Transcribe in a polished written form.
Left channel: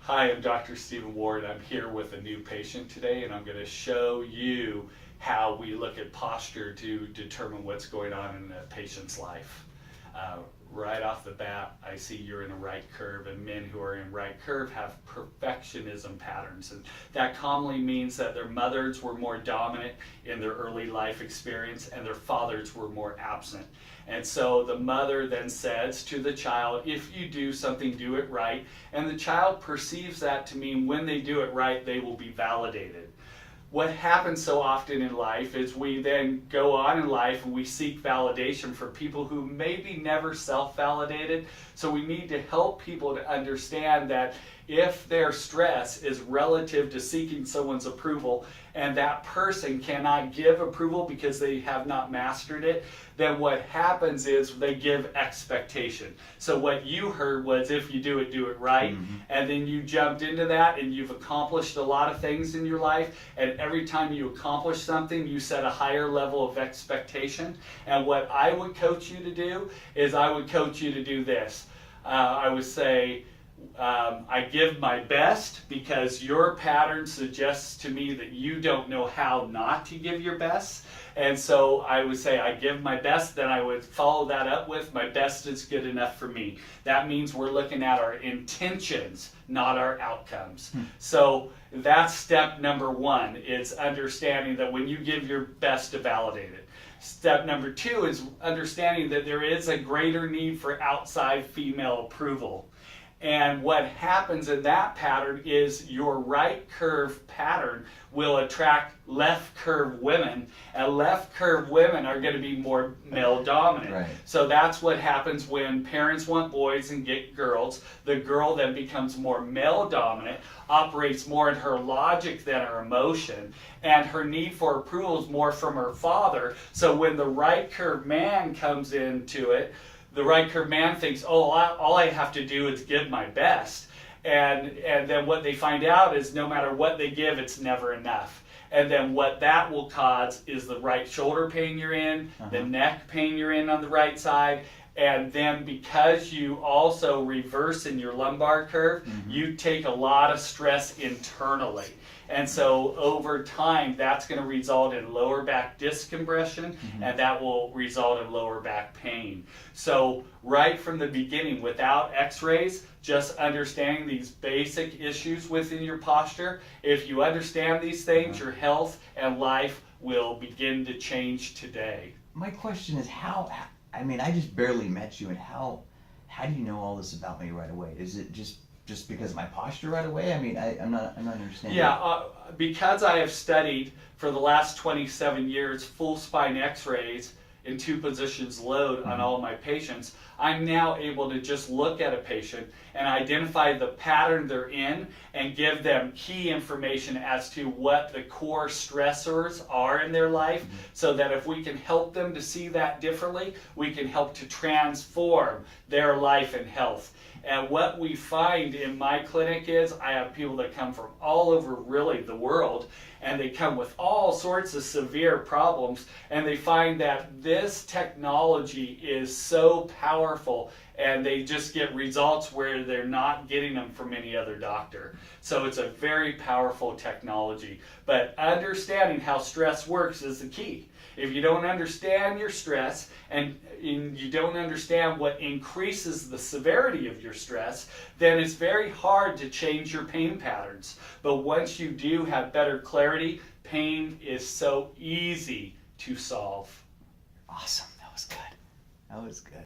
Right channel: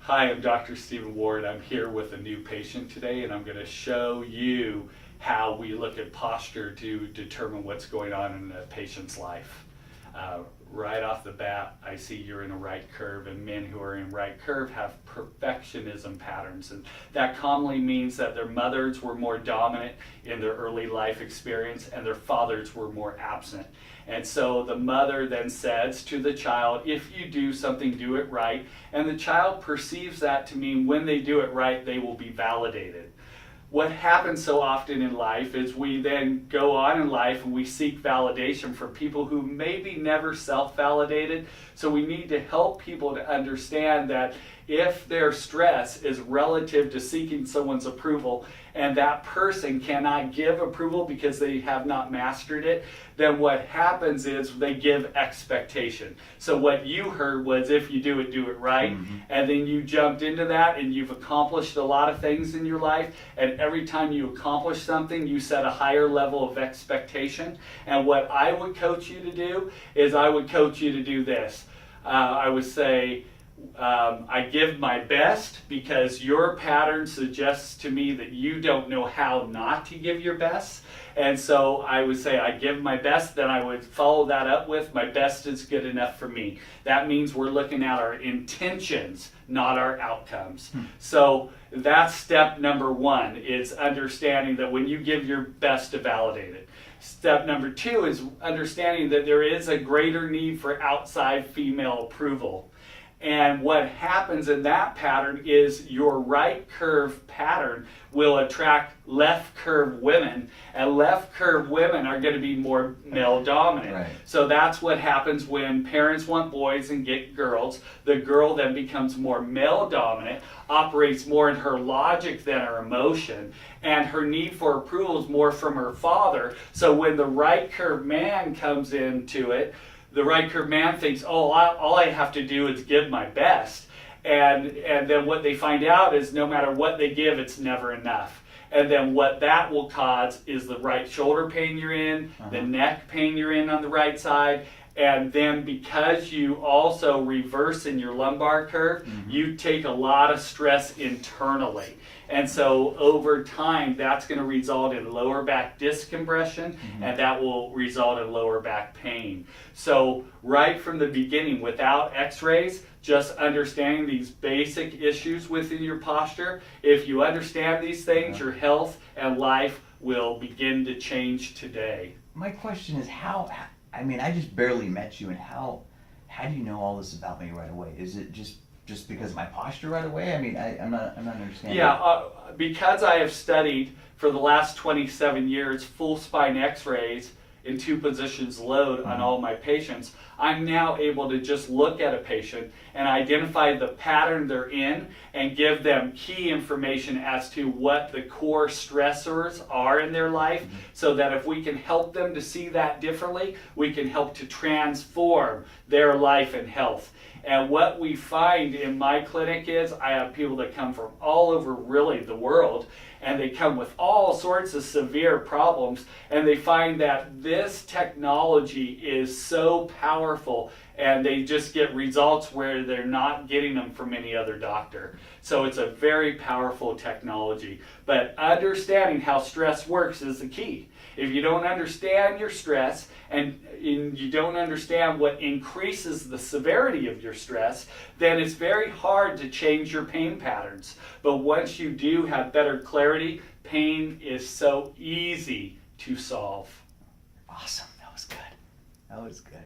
Hi, I'm Dr. Stephen Ward. I'm here with a new patient today, and I'm going to show you how we look at posture to determine what's going on in a patient's life. Right off the bat, I see you're in a right curve, and men who are in right curve have perfectionism patterns, and that commonly means that their mothers were more dominant in their early life experience and their fathers were more absent. And so the mother then says to the child, if you do something, do it right. And the child perceives that to mean when they do it right, they will be validated. What happens so often in life is we then go on in life and we seek validation from people who maybe never self-validated. So we need to help people to understand that if their stress is relative to seeking someone's approval and that person cannot give approval because they have not mastered it, then what happens is they give expectation. So what you heard was if you do it right. Mm-hmm. And then you jumped into that and you've accomplished a lot of things in your life, and every time you accomplish something you set a higher level of expectation. And what I would coach you to do is I would coach you to do this. I would say, I give my best because your pattern suggests to me that you don't know how not to give your best. And so I would say I give my best, then I would follow that up with my best is good enough for me. That means we're looking at our intentions, not our outcomes. So that's step number one, is understanding that when you give your best to validate it. Step number two is understanding that there is a greater need for outside female approval. And what happens in that pattern is your right curve pattern will attract left curve women, and left curve women are going to be more male dominant. Right. So that's what happens when parents want boys and get girls. The girl then becomes more male dominant, operates more in her logic than her emotion, and her need for approval is more from her father. So when the right curve man comes into it, the right curve man thinks, oh, all I have to do is give my best. And then what they find out is no matter what they give, it's never enough. And then what that will cause is the right shoulder pain you're in, the neck pain you're in on the right side. And then because you also reverse in your lumbar curve, you take a lot of stress internally. And so over time, that's going to result in lower back disc compression, and that will result in lower back pain. So right from the beginning, without x-rays, just understanding these basic issues within your posture, if you understand these things, your health and life will begin to change today. My question is I just barely met you, and how do you know all this about me right away? Is it just because of my posture right away? I'm not understanding. Yeah, because I have studied for the last 27 years full spine x-rays in 2 positions load on all my patients, I'm now able to just look at a patient and identify the pattern they're in and give them key information as to what the core stressors are in their life, so that if we can help them to see that differently, we can help to transform their life and health. And what we find in my clinic is I have people that come from all over really the world, and they come with all sorts of severe problems, and they find that this technology is so powerful and they just get results where they're not getting them from any other doctor. So it's a very powerful technology. But understanding how stress works is the key. If you don't understand your stress and you don't understand what increases the severity of your stress, then it's very hard to change your pain patterns. But once you do have better clarity, pain is so easy to solve. Awesome. That was good.